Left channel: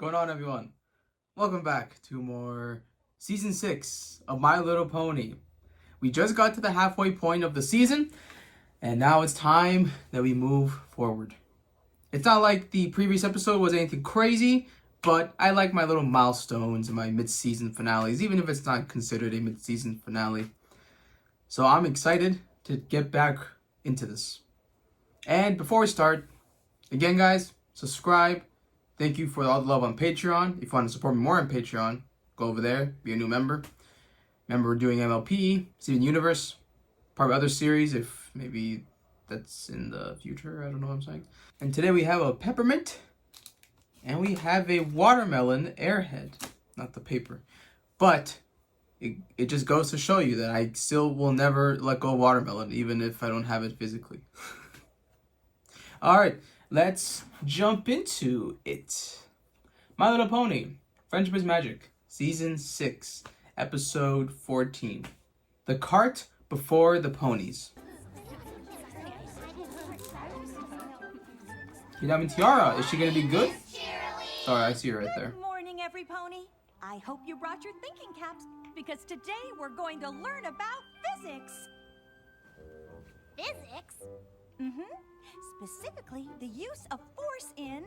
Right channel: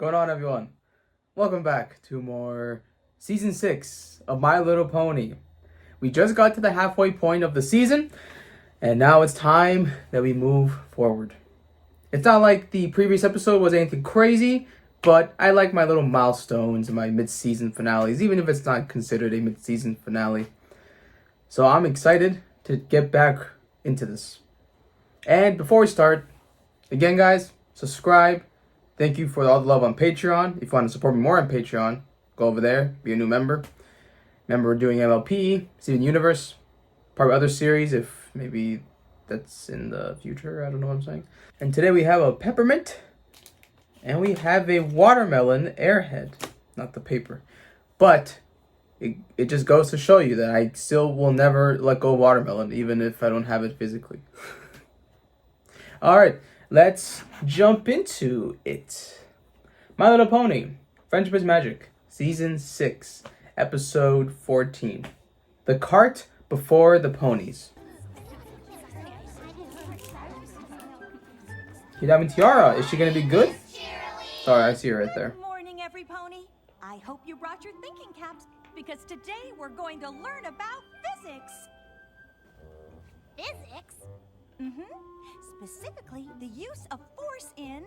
going on, everyone? Welcome back to more Season 6 of My Little Pony. We just got to the halfway point of the season, and now it's time that we move forward. It's not like the previous episode was anything crazy, but I like my little milestones and my mid-season finales, even if it's not considered a mid-season finale. So I'm excited to get back into this. And before we start, again guys, subscribe. Thank you for all the love on Patreon. If you want to support me more on Patreon, go over there, be a new member. Remember, we're doing MLP, Steven Universe, probably other series if maybe that's in the future. I don't know what I'm saying. And today we have a peppermint and we have a watermelon airhead. Not the paper. But it just goes to show you that I still will never let go of watermelon, even if I don't have it physically. Alright, let's jump into it. My Little Pony, Friendship is Magic, Season 6, Episode 14. The Cart Before the Ponies. Kidami Tiara, is she going to be good? Sorry, I see her right there. Good morning, every pony. I hope you brought your thinking caps, because today we're going to learn about physics. Physics? Specifically, the use of force in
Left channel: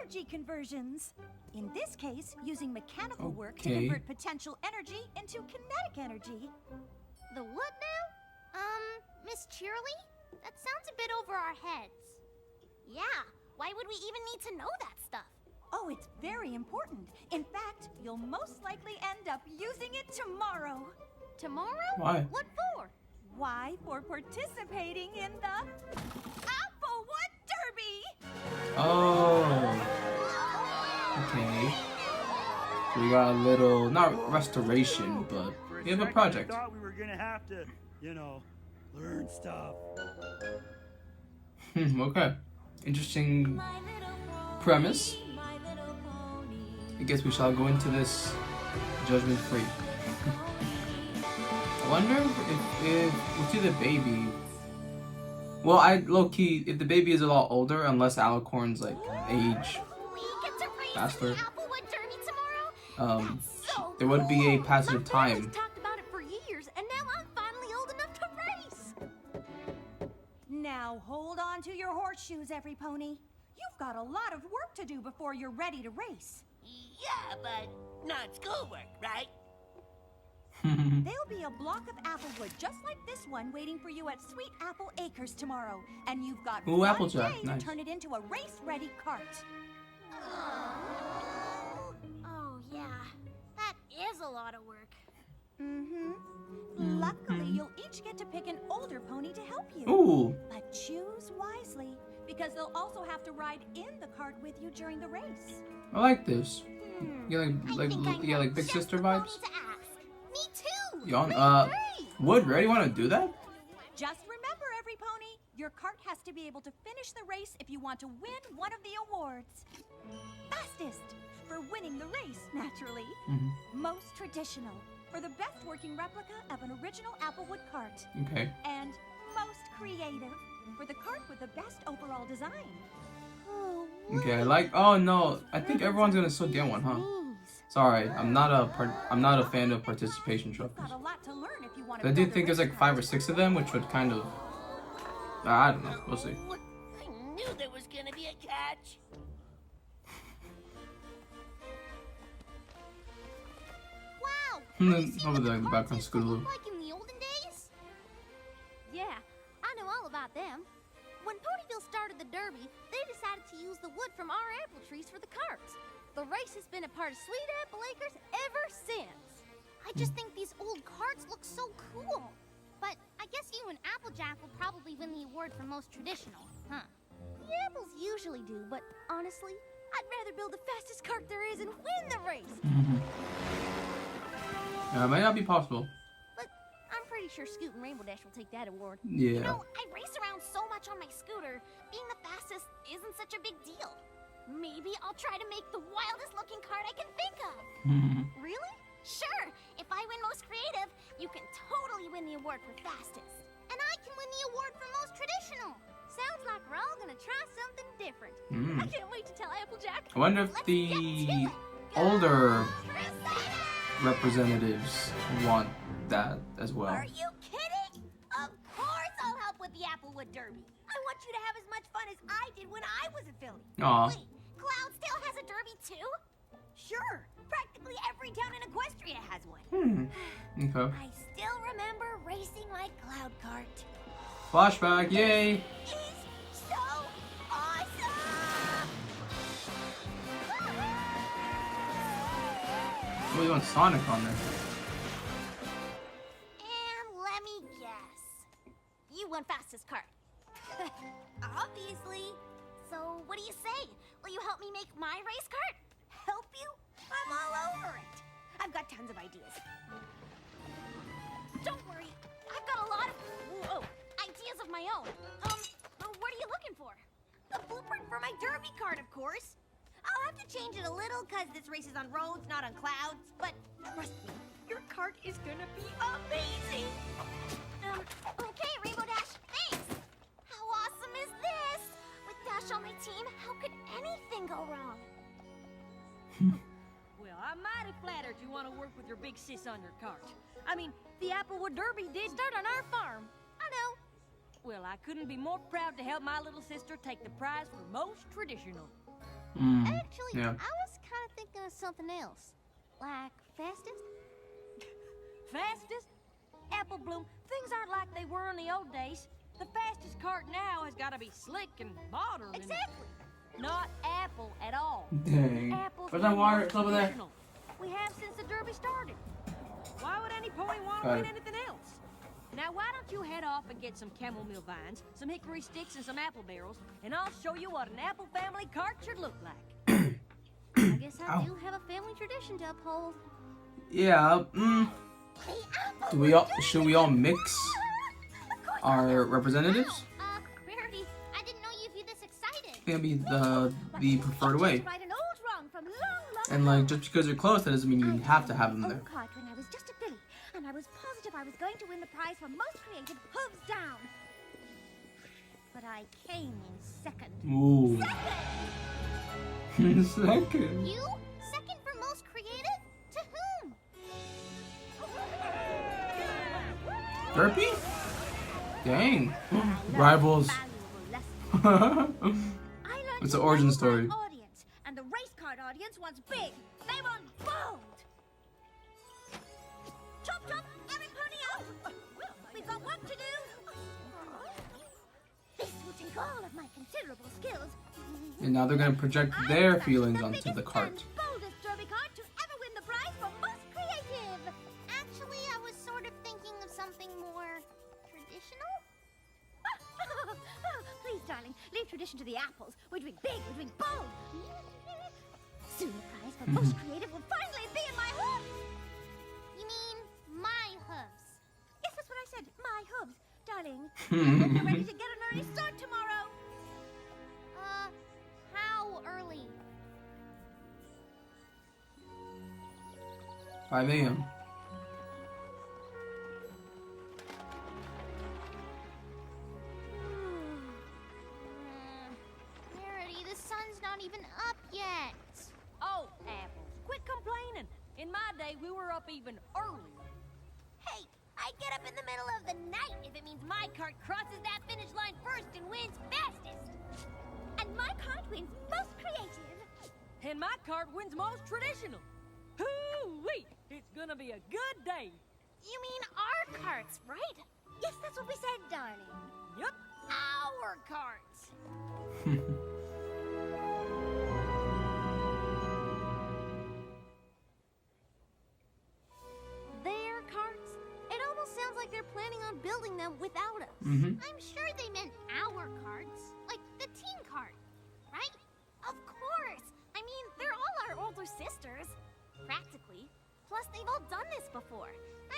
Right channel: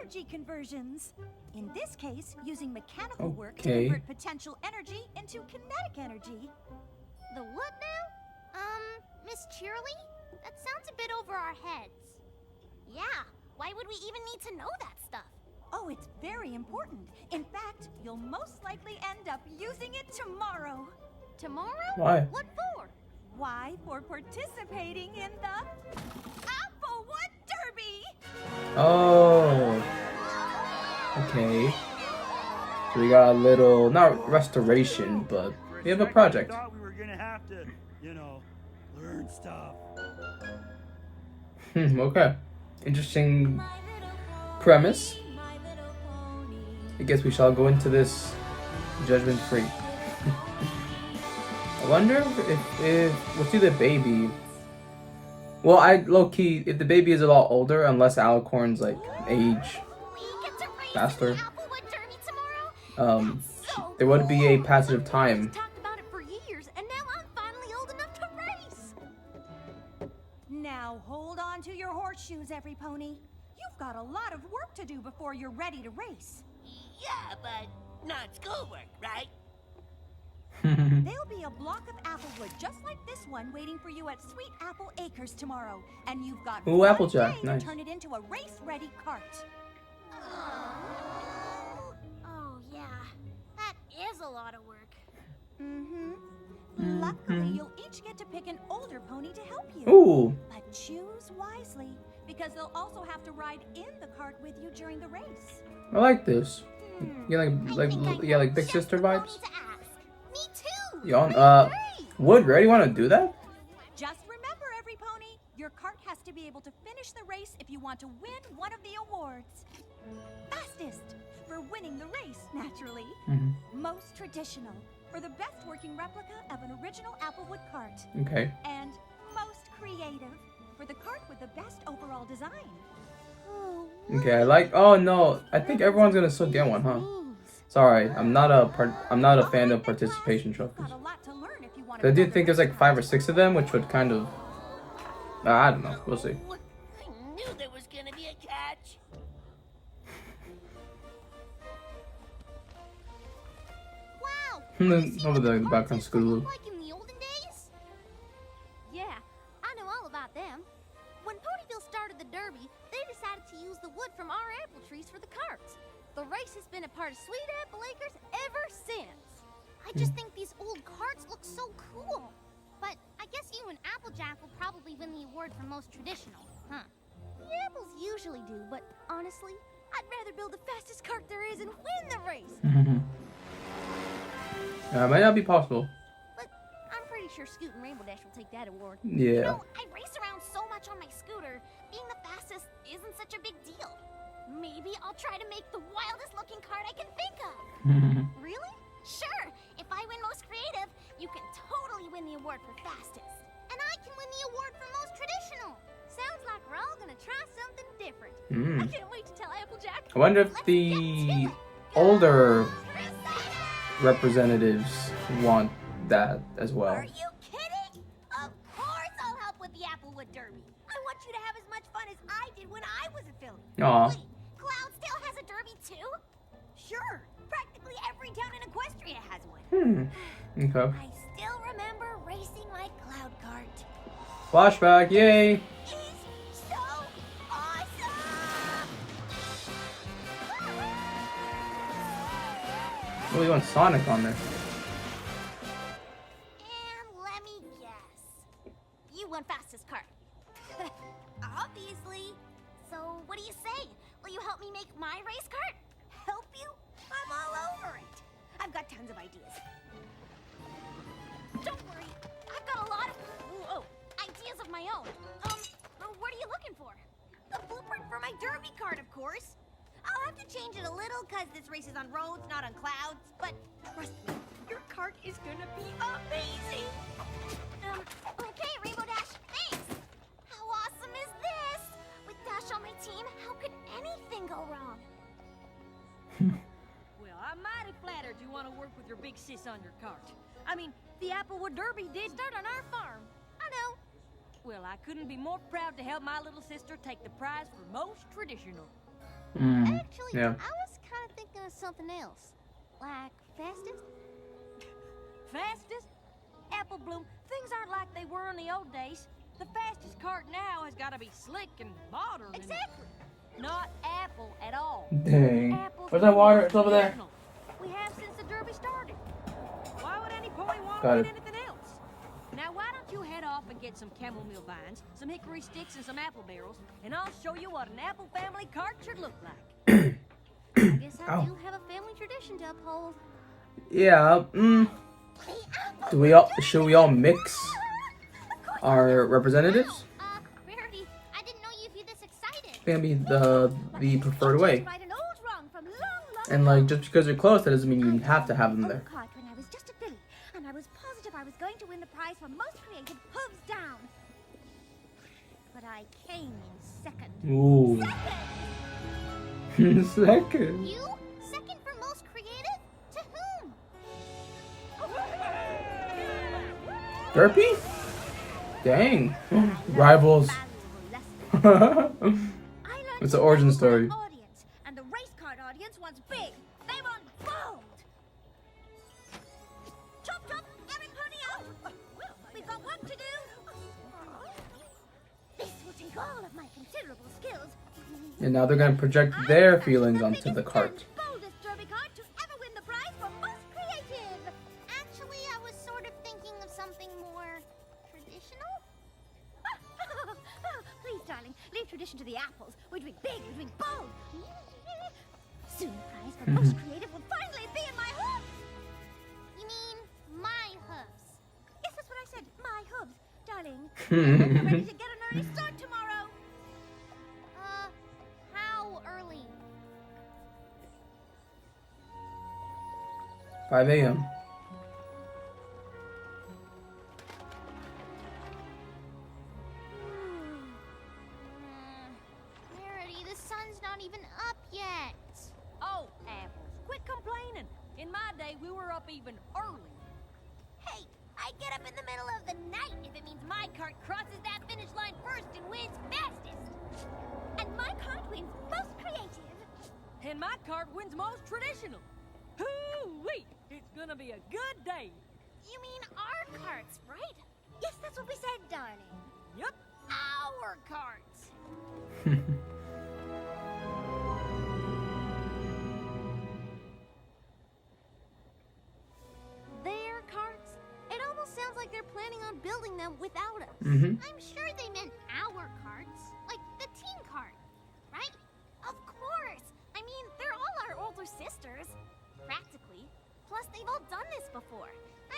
energy conversions. In this case, using mechanical work to convert potential energy into kinetic energy. The what now? Miss Cheerly? That sounds a bit over our heads. Yeah, why would we even need to know that stuff? Oh, it's very important. In fact, you'll most likely end up using it tomorrow. Tomorrow? Why? What for? Why? For participating in the Applewood Derby! Oh. Okay. So we got a little, not restoration, but we have a project. I thought we were gonna have to, learn stuff. Okay. Interesting premise. I guess we shall go into this judgment free. I wonder if we'll see the baby. Well, I low-key, if the baby is a lot older, unless Alicorn's like age faster, there would be a passage of time. Talked about it for years, and now I'm finally old enough to race. Now hold on to your horseshoes, every pony. You've got a lot of work to do before you're ready to race. Yeah, but not schoolwork, right? There'll be a block of applewood just like this one waiting for you at Sweet Apple Acres tomorrow, and you've got Ooh, one Applejack, day nice. to turn it into a race-ready cart. Oh, yeah. That is a lot of work. Luckily, you'll each get to pick an older pony to help you. Ooh. But choose wisely, because they'll also have to ride in the cart with you during the race. I like this. You I think I know like big just sister the vibes. pony to ask. Me too. You on, Wood, really want to do that? Just remember, every pony, your cart has to be able to finish the race if you want to win one of the awards. Fastest, for winning the race, naturally. Most traditional, for the best working replica of an original Applewood cart. Okay. And most creative, for the cart with the best overall design. Okay, I like. Oh no, I think everyone's gonna still get one, huh? Sorry, I'm not a fan of participation trophies. Got a lot to learn if you want I do think there's like 5 or 6 of them, which would kind of. I don't know. We'll see. I knew there was gonna be a catch. Wow. Over there in the background, Scootaloo. Like in the olden days? Yeah, I know all about them. When Ponyville started the Derby, they decided to use the wood from our apple trees for the carts. The race has been a part of Sweet Apple Acres ever since. I just think these old carts look so cool. But I guess you and Applejack will probably win the award for most traditional, huh? The apples usually do, but honestly, I'd rather build the fastest cart there is and win the race. It might not be possible. But I'm pretty sure Scoot and Rainbow Dash will take that award. Yeah. You know, I race around so much on my scooter, being the fastest isn't such a big deal. Maybe I'll try to make the wildest looking cart I can think of. Really? Sure, if I win most creative, you can totally win the award for fastest. And I can win the award for most traditional. Sounds like we're all gonna try something different. I can't wait to tell Applejack. I wonder if the older representatives want that as well. Are you kidding? Of course I'll help with the Applewood Derby. I want you to have as much fun as I did when I was a filly. Aw. Wait, Cloudsdale has a derby too? Sure. Practically every town in Equestria has one. Okay. I still remember racing my cloud cart. Flashback, yay! It's so awesome! Oh, we want Sonic on there. And let me guess. You won fastest cart. Obviously. So what do you say? Will you help me make my race cart? Help you? I'm all over it. I've got tons of ideas. Don't worry. I've got a lot of ideas of my own. What are you looking for? The blueprint for my derby cart, of course. I'll have to change it a little because this race is on roads, not on clouds. But trust me, your cart is gonna be amazing. Okay, Rainbow Dash, thanks. How awesome is this? With Dash on my team, how could anything go wrong? Well, I'm mighty flattered you want to work with your big sis on your cart. I mean, the Applewood Derby did start on our farm. I know. Well, I couldn't be more proud to help my little sister take the prize for most traditional. Actually, yeah. I was kind of thinking of something else. Like fastest? Fastest? Apple Bloom, things aren't like they were in the old days. The fastest cart now has got to be slick and modern. Exactly. Not Apple at all. Dang. Apple's Where's that water? most It's over there. traditional. We have since the Derby started. Why would any pony want Got to win it. anything else? Now, why don't you head off and get some chamomile vines, some hickory sticks, and some apple barrels, and I'll show you what an apple family cart should look like. I guess I Ow. do have a family tradition to uphold. Yeah. Should we all mix our representatives? Rarity, I didn't know you'd be this excited. I think that'd be the preferred way. Right, an old wrong from long And like, just because you're close, that doesn't mean you have to have them there. Cart when I was just a filly, and I was positive I was going to win the prize for most creative hooves down. But I came in second. Ooh. Second! Second. You? Second for most creative? To whom? Derpy? Dang. Rivals. Valuable lesson. I learned It's to the origin know my story. Audience, and the race card audience wants big. They want bold. Chop chop, every pony out. We've got work to do. This will take all of my considerable skills. And now they're gonna project their feelings onto the cart. And boldest derby cart to ever win the prize for most creative. Actually, I was sort of thinking of something more traditional. Please, darling, leave tradition to the apples. We're doing big, we're doing bold. Soon the prize for most creative will finally be in my hooves. You mean my hooves? Yes, that's what I said. My hooves, darling. I hope you're ready to get an early start tomorrow. How early? 5 a.m. Rarity, the sun's not even up yet. Oh, apples, quit complaining. In my day, we were up even earlier. Hey, I get up in the middle of the night if it means my cart crosses that finish line first and wins fastest. And my cart wins most creative. And my cart wins most traditional. Hoo-wee! It's gonna be a good day. You mean our carts, right? Yes, that's what we said, darling. Yup. Our carts. Their carts? It almost sounds like they're planning on building them without us. I'm sure they meant our carts. Like the teen cart, right? Of course. I mean, they're all our older sisters. Practically. Plus, they've all done this before.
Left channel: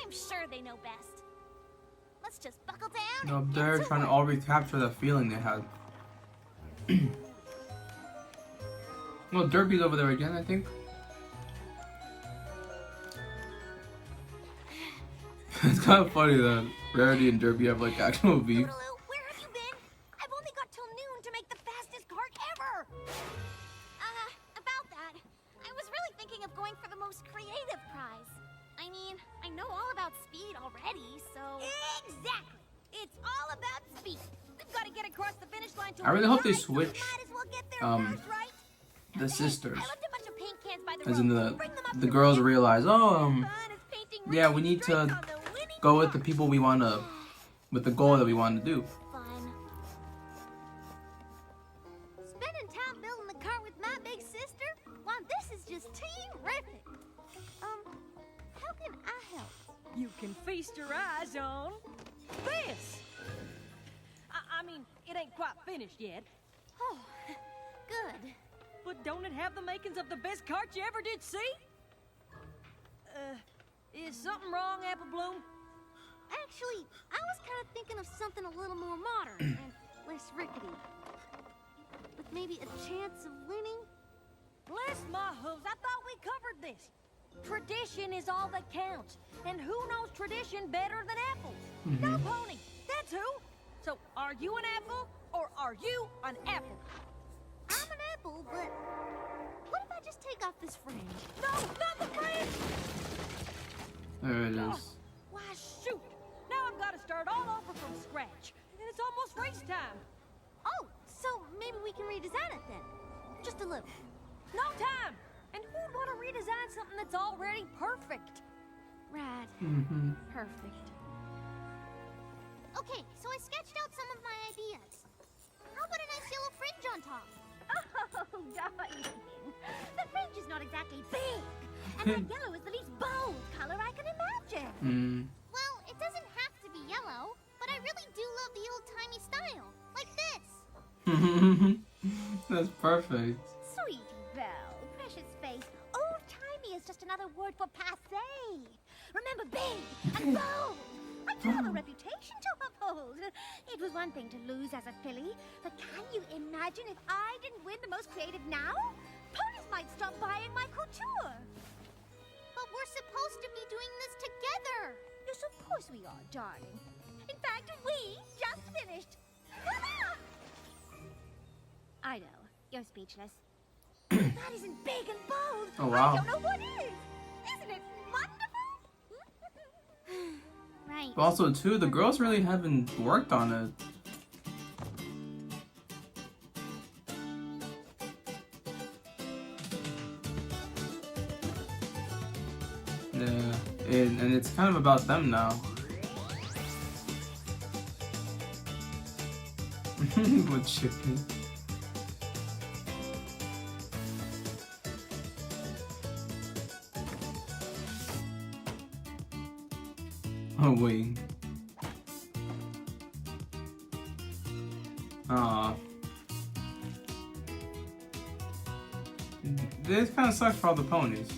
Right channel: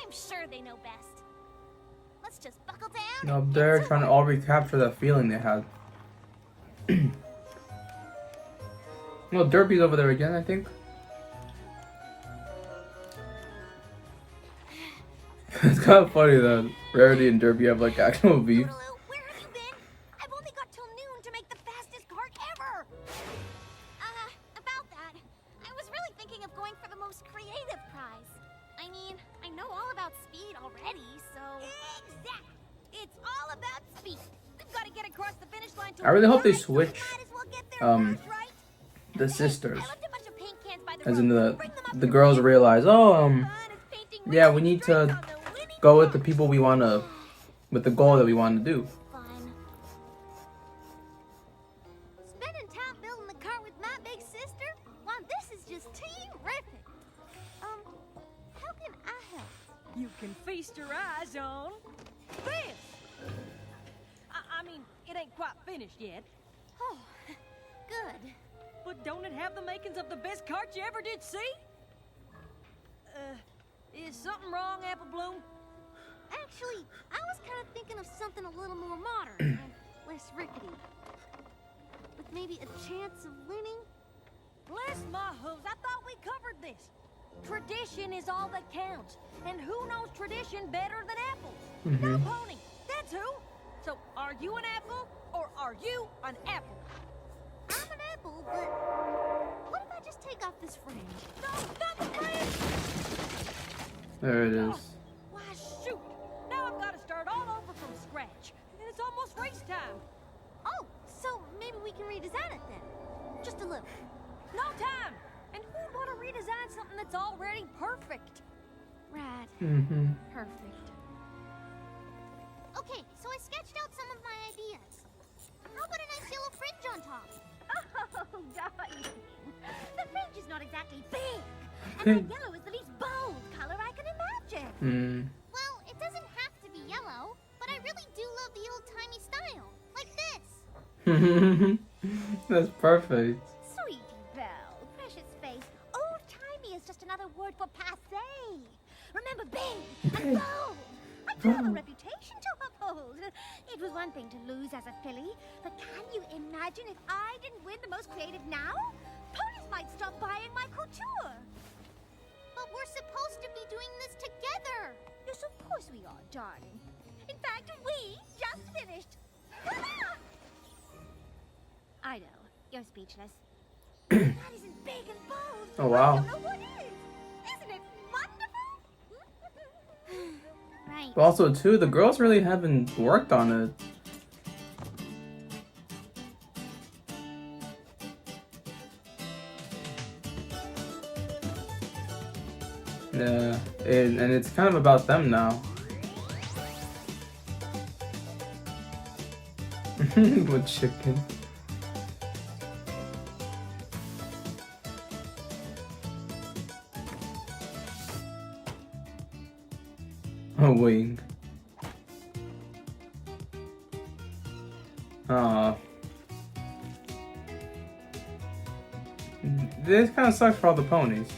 I'm sure they know best. Let's just buckle down. No, and they're get to trying to work. all recapture that feeling they had. Well, Derpy's over there again, I think. It's kind of funny that Rarity and Derpy have like actual beef. Toodaloo, where have you been? I've only got till noon to make the fastest cart ever. About prize. I mean, I know all about speed already, so... Exactly. It's all about speed. We've got to get across the finish line to I really hope they win, so we switch, might as well get there first, right? the sisters, I left a bunch of paint cans by the as in road. Bring them up the here, girls will you? realize, Fun is painting yeah, racing we need streaks to on the winning go with the cart. people we wanna, with the goal that we want to do. Fun. Spending time building the cart with my big sister? Why, this is just terrific. How can I help? You can feast your eyes on this. I mean, it ain't quite finished yet, Oh, good. but don't it have the makings of the best cart you ever did see? Is something wrong, Apple Bloom? Actually, I was kind of thinking of something a little more modern and less rickety. With maybe a chance of winning? Bless my hooves, I thought we covered this. Tradition is all that counts, and who knows tradition better than apples? No, Pony, that's who. So, are you an apple, or are you an apple? I'm an apple, but what if I just take off this fringe? No, not the fringe! There it Oh, is. why, shoot! Now I've got to start all over from scratch, and it's almost race time. Oh, so maybe we can redesign it then. Just a little. No time! And who'd want to redesign something that's already perfect? Right. Mm-hmm. Perfect. Okay, so I sketched out some of my ideas. How about a nice yellow fringe on top? Oh, darling. The fringe is not exactly big. And that yellow is the least bold color I can imagine. Well, it doesn't have to be yellow, but I really do love the old-timey style. Like this. That's perfect. Sweetie Belle, precious face. Old-timey is just another word for passé. Remember, big and bold. I do have a reputation to uphold. It was one thing to lose as a filly, but can you imagine if I didn't win the most creative now? Ponies might stop buying my couture. But we're supposed to be doing this together. Yes, of course we are, darling. In fact, we just finished. I know, you're speechless. That isn't big and bold. Oh, wow. I don't know what is. Isn't it wonderful? Right. But also, too, the girls really haven't worked on it. Yeah, and it's kind of about them now. With chicken. A wing. Aw. This kind of sucks for all the ponies.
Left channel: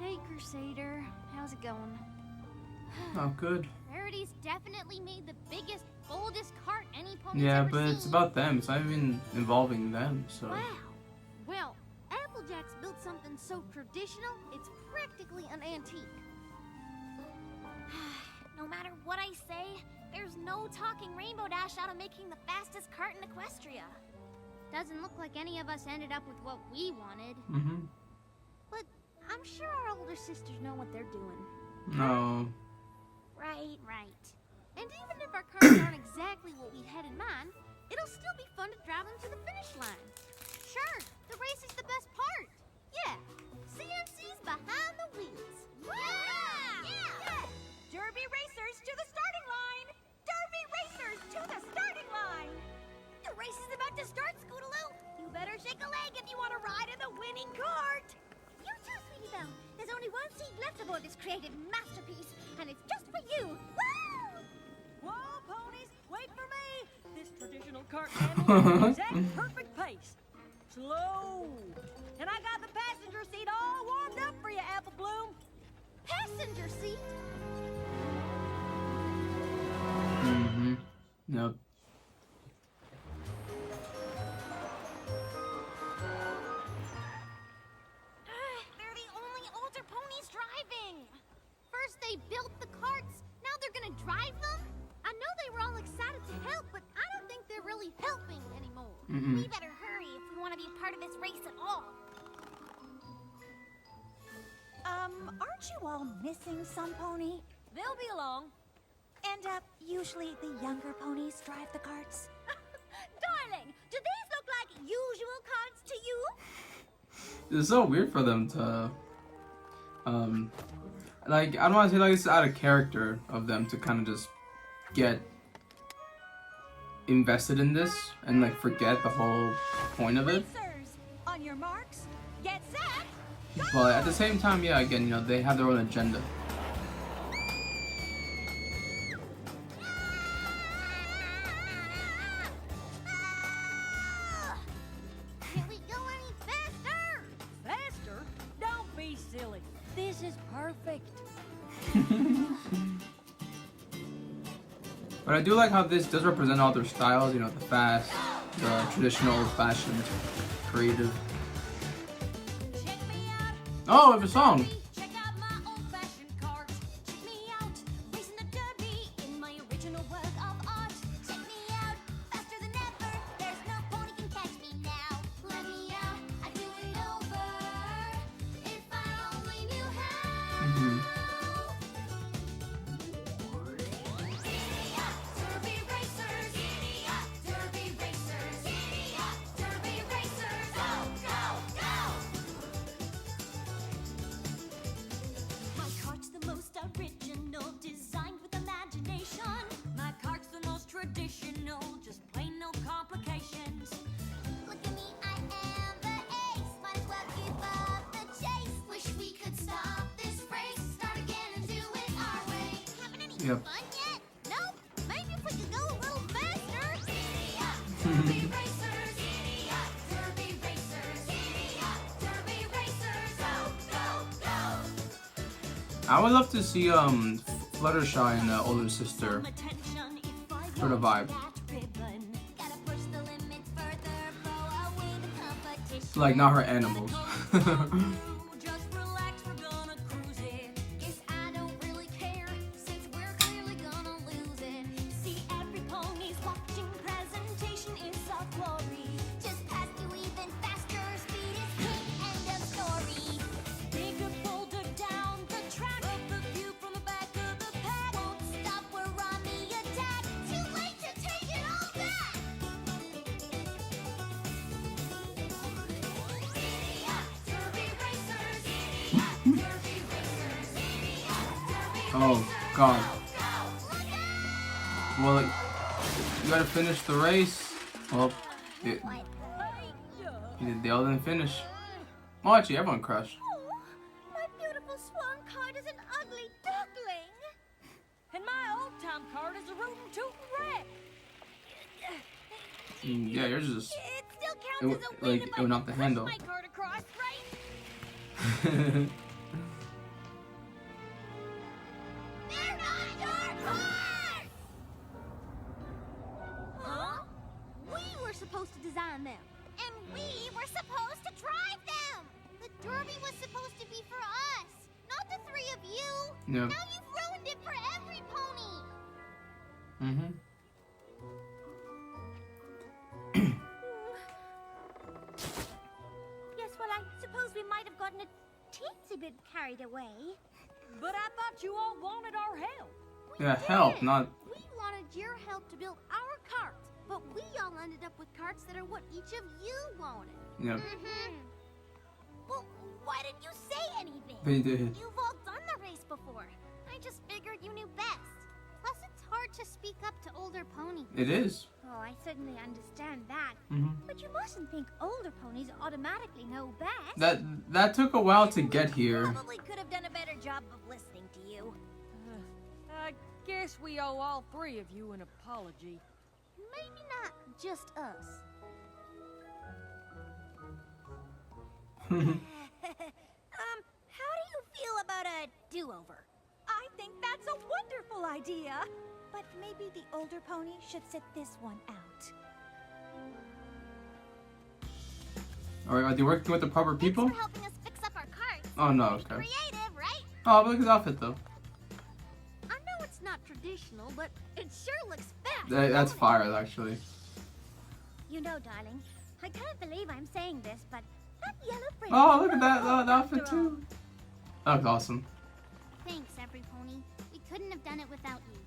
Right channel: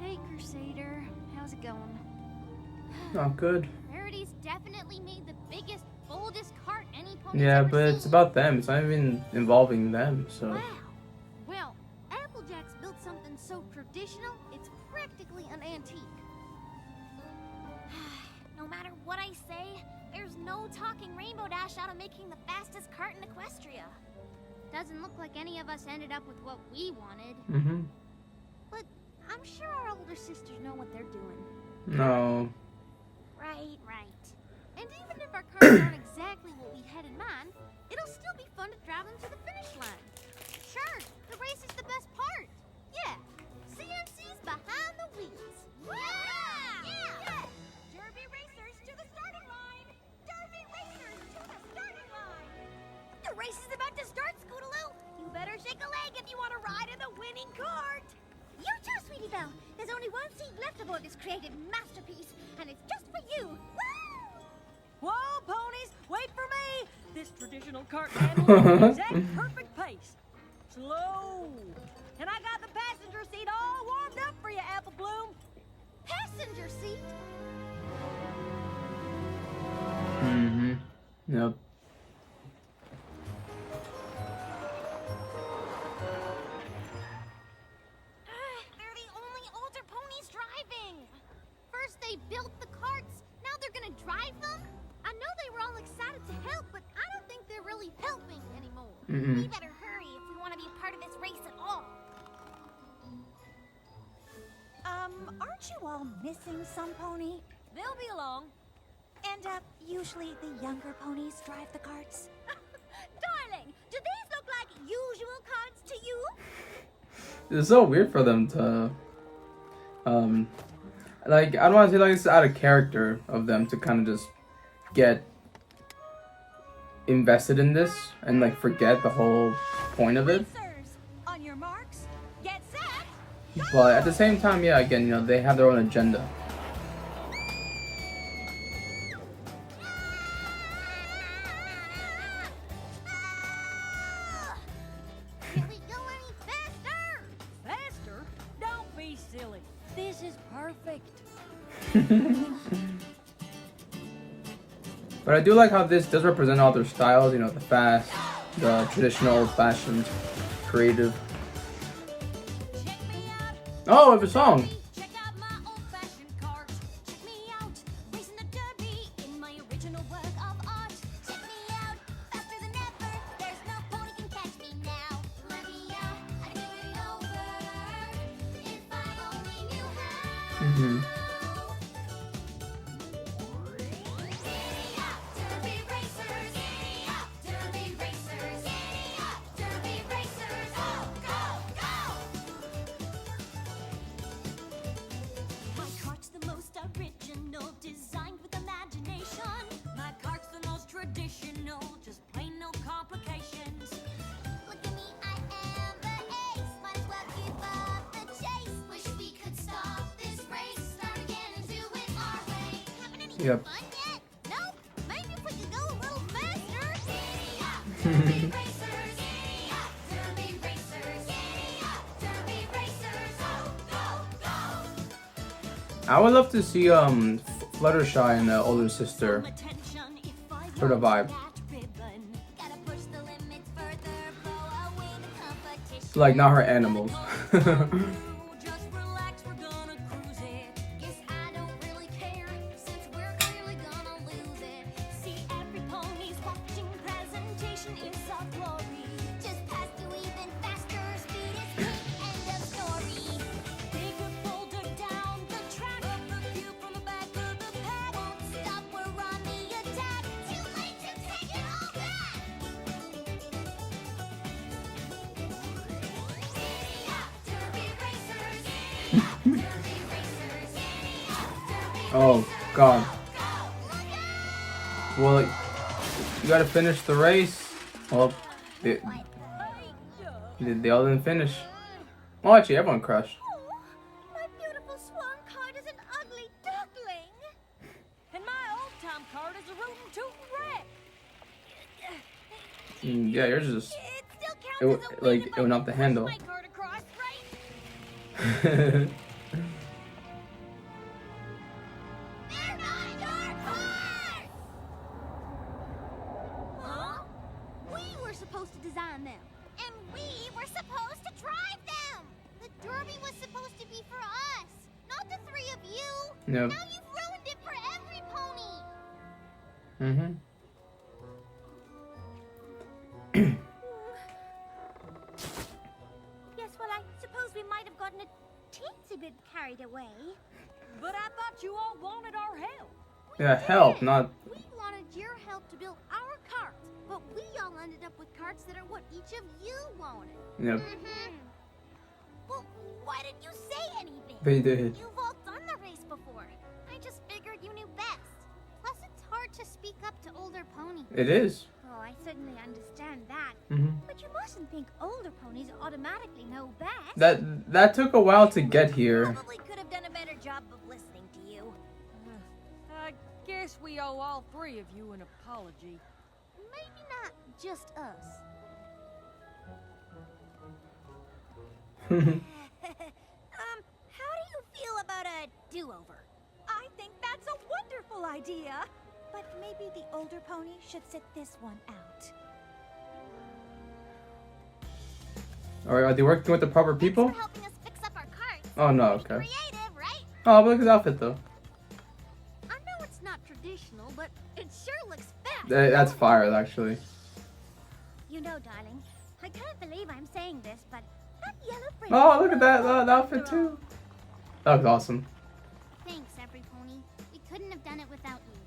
Hey, Crusader. How's it going? Not good. Rarity's definitely made the biggest, boldest cart any pony's Yeah, ever but it's seen. about them. It's not even involving them, so. Wow. Well, Applejack's built something so traditional, it's practically an antique. No matter what I say, there's no talking Rainbow Dash out of making the fastest cart in Equestria. Doesn't look like any of us ended up with what we wanted. Mm-hmm. But I'm sure our older sisters know what they're doing. No. Right. And even if our cars aren't exactly what we had in mind, it'll still be fun to drive them to the finish line. Sure, the race is the best part. Yeah, CMC's behind the wheels. Yeah! Derby racers to the starting line! Derby racers to the starting line! The race is about to start, Scootaloo. You better shake a leg if you want to ride in the winning cart. You too, Sweetie Belle. There's only one seat left aboard this creative masterpiece, and it's just for you. Woo! Whoa! cart handles at the exact perfect pace. Slow. And I got the passenger seat all warmed up for you, Apple Bloom. Passenger seat? Mm-hmm. Yep. They're the only older ponies driving. First they built the carts, now they're gonna drive them? I know they were all excited to help, but I don't think they're really helping anymore. Mm-mm. We better hurry if we want to be a part of this race at all. Aren't you all missing some pony? They'll be along. And, usually the younger ponies drive the carts? Darling, do these look like usual carts to you? It's so weird for them to, like, I don't want to say like it's out of character of them to kind of just get invested in this and like forget the whole point of it. Racers, on your marks, get set. But at the same time, yeah, again, you know, they have their own agenda. Can we go any faster? Faster? Don't be silly. This is perfect. But I do like how this does represent all their styles, you know, the fast, the traditional, old-fashioned, creative. Check me out. Oh, we have a song. Check out my old-fashioned carts. Check me out, racing the derby in my original work of art. Check me out, faster than ever. There's no pony can catch me now. Let me out, I'd do it over. If I only knew how. Mm-hmm. Giddy up, derby racers. Giddy up, derby racers. Giddy up, derby racers. Go, go, go. My cart's the most original, designed with imagination. My cart's the most traditional, just plain no complications. Look at me, I am the ace. Might as well give up the chase. Wish we could stop this race. Start again and do it our way. Having any Yep. fun yet? Nope. Maybe if we could go a little faster. Giddy up, derby racers. Giddy up, derby racers. Giddy up, derby racers. Go, go, go. I would love to see Fluttershy and the older sister Attention, if I for the vibe. that ribbon. Gotta push the limits further. Blow away the competition. Like not her animals. Just relax, we're gonna cruise it. Guess I don't really care, since we're clearly gonna lose it. See every pony's watching, presentation is our glory. Just past you even faster, speed is king, end of story. Bigger boulder down the track. Up the view from the back of the pack. Won't stop, we're on the attack. Too late to take it all back. Giddy up, derby racers. Giddy up, derby racers. Giddy up, derby Oh God. go, look out! Well, you gotta finish the race. Well, they all didn't finish. Well, actually, everyone crashed. Oh, my beautiful swan cart is an ugly duckling. And my old-time cart is a rootin' tootin' wreck. Yeah, yours is just. It still It counts w- as a win like, if it I went off the push handle. my cart across, right? They're not your carts! Huh? We were supposed to design them. And we were supposed to drive them. The derby was supposed to be for us, not the three of you. Yep. Now you've ruined it for every pony. Mm-hmm. Yes, well, I suppose we might have gotten a teensy bit carried away. But I thought you all wanted our help. We Yeah, help, did. not. We wanted your help to build our carts, but we all ended up with carts that are what each of you wanted. Yep. Well, why didn't you say anything? They did. You've all done the race before. I just figured you knew best. Plus, it's hard to speak up to older ponies. It is. Oh, I certainly understand that. Mm-hmm. But you mustn't think older ponies automatically know best. That took a while to get here. Probably could have done a better job of listening to you. I guess we owe all three of you an apology. Maybe not just us. How do you feel about a do-over? I think that's a wonderful idea. But maybe the older pony should sit this one out. Or are they working with the proper people? Thanks for helping us fix up our carts. Oh no, Pretty okay. creative, right? Oh, but look at his outfit though. I know it's not traditional, but it sure looks fast. That's fire, actually. You know, darling, I can't believe I'm saying this, but that yellow fringe. Oh, look at that outfit too. That looks awesome. Thanks, every pony. We couldn't have done it without you.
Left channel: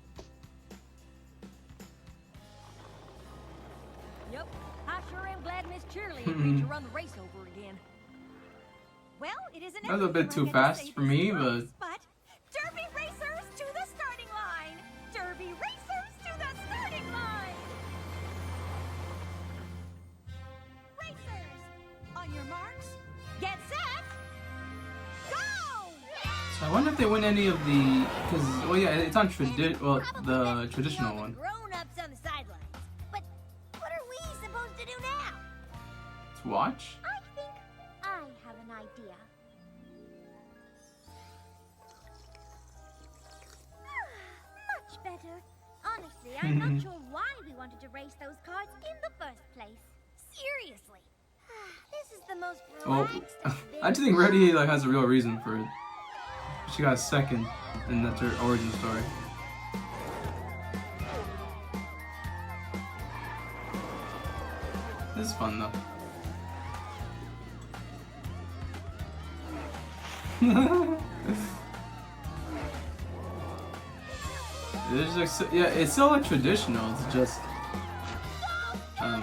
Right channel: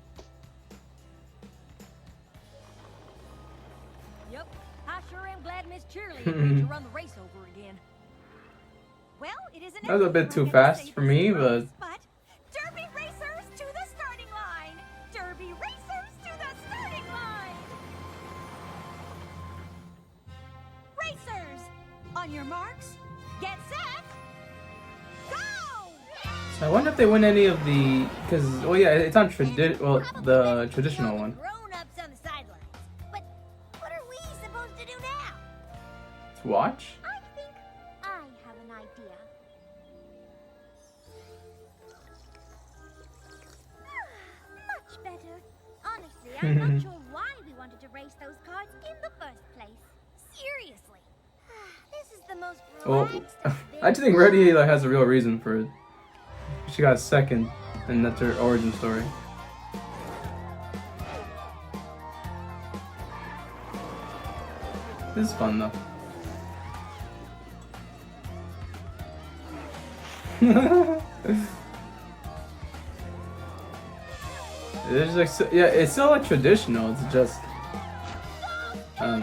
Yep, I sure am glad Miss Cheerily agreed to run the race over again. Well, it isn't That was a bit everything too I get to fast say for this me, race, but Derby racers to the starting line! Derby racers to the starting line! Racers, on your marks, get set, go! So I wonder if they win any of the, because well yeah, it's on the traditional one. Grown-ups on the sidelines. But what are we supposed to do now? To watch? I think I have an idea. Much better. Honestly, I'm not sure why we wanted to race those carts in the first place. Seriously. This is the most Well, relaxed I've been. I just think Reddy like has a real reason for it. She got second, and that's her origin story. This is fun though. It's like yeah, it's still like traditional. It's just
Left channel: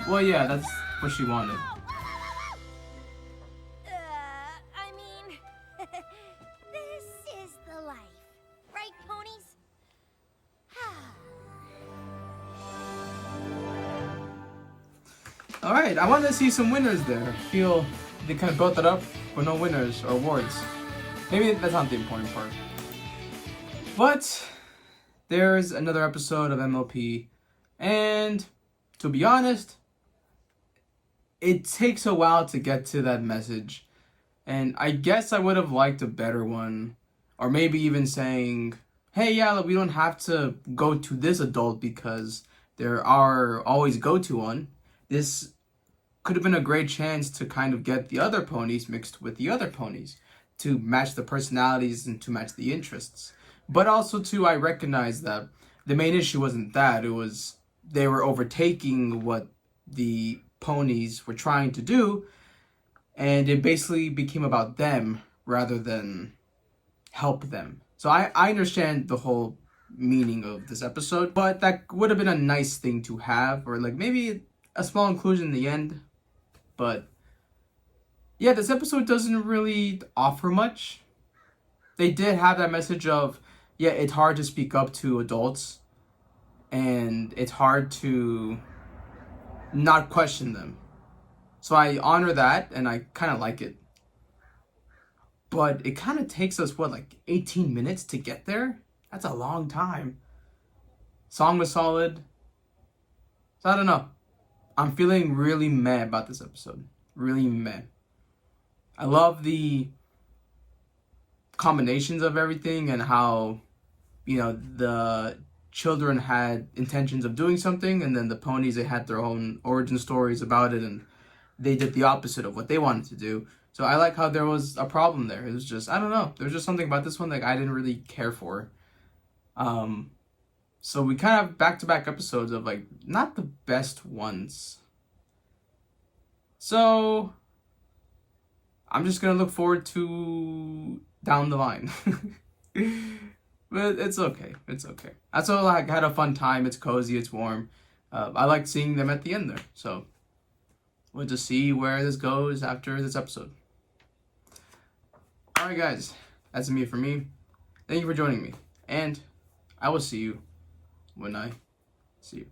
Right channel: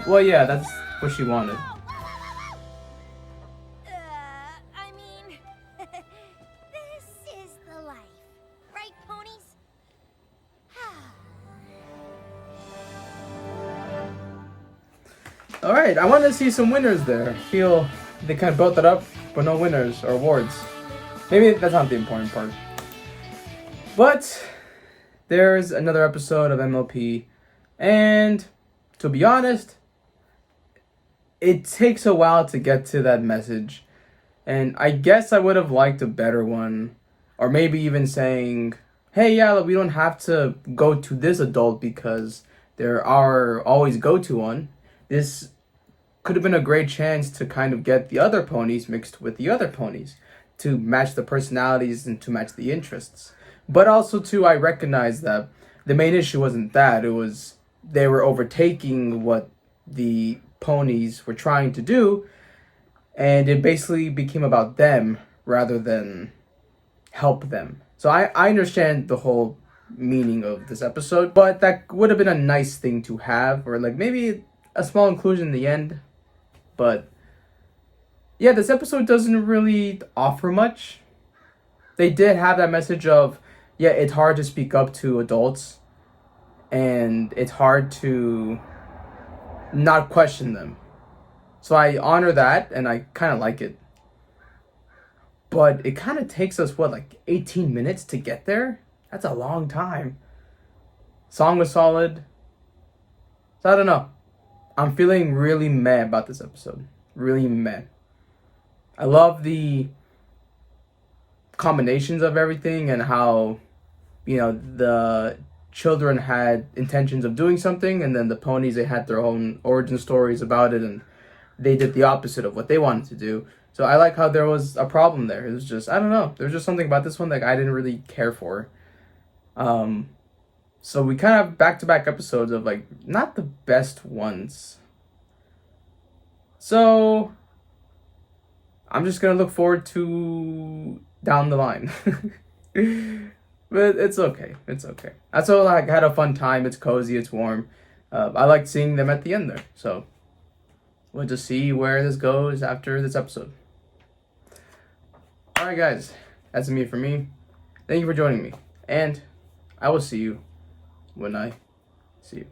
well, yeah, that's what she wanted. I mean, this is the life. Right, ponies? All right, I wanted to see some winners there. I feel they kind of built it up, but no winners or awards. Maybe that's not the important part. But there's another episode of MLP, and to be honest, it takes a while to get to that message. And I guess I would have liked a better one, or maybe even saying, hey, yeah, we don't have to go to this adult because there are always go-to one. This could have been a great chance to kind of get the other ponies mixed with the other ponies to match the personalities and to match the interests. But also, too, I recognize that the main issue wasn't that. It was they were overtaking what the ponies were trying to do, and it basically became about them rather than help them. So I understand the whole meaning of this episode, but that would have been a nice thing to have, or like maybe a small inclusion in the end. But yeah, this episode doesn't really offer much. They did have that message of, yeah, it's hard to speak up to adults, and it's hard to not question them. So I honor that, and I kind of like it. But it kind of takes us, what, like 18 minutes to get there? That's a long time. Song was solid. So I don't know. I'm feeling really meh about this episode. Really meh. I love the combinations of everything and how, you know, the children had intentions of doing something, and then the ponies, they had their own origin stories about it, and they did the opposite of what they wanted to do. So I like how there was a problem there. It was just, I don't know. There was just something about this one that I didn't really care for. So we kind of back-to-back episodes of like not the best ones. So I'm just gonna look forward to down the line. But it's okay. It's okay. I still like had a fun time. It's cozy. It's warm. I liked seeing them at the end there. So we'll just see where this goes after this episode. All right, guys. That's me for me. Thank you for joining me. And I will see you when I see you.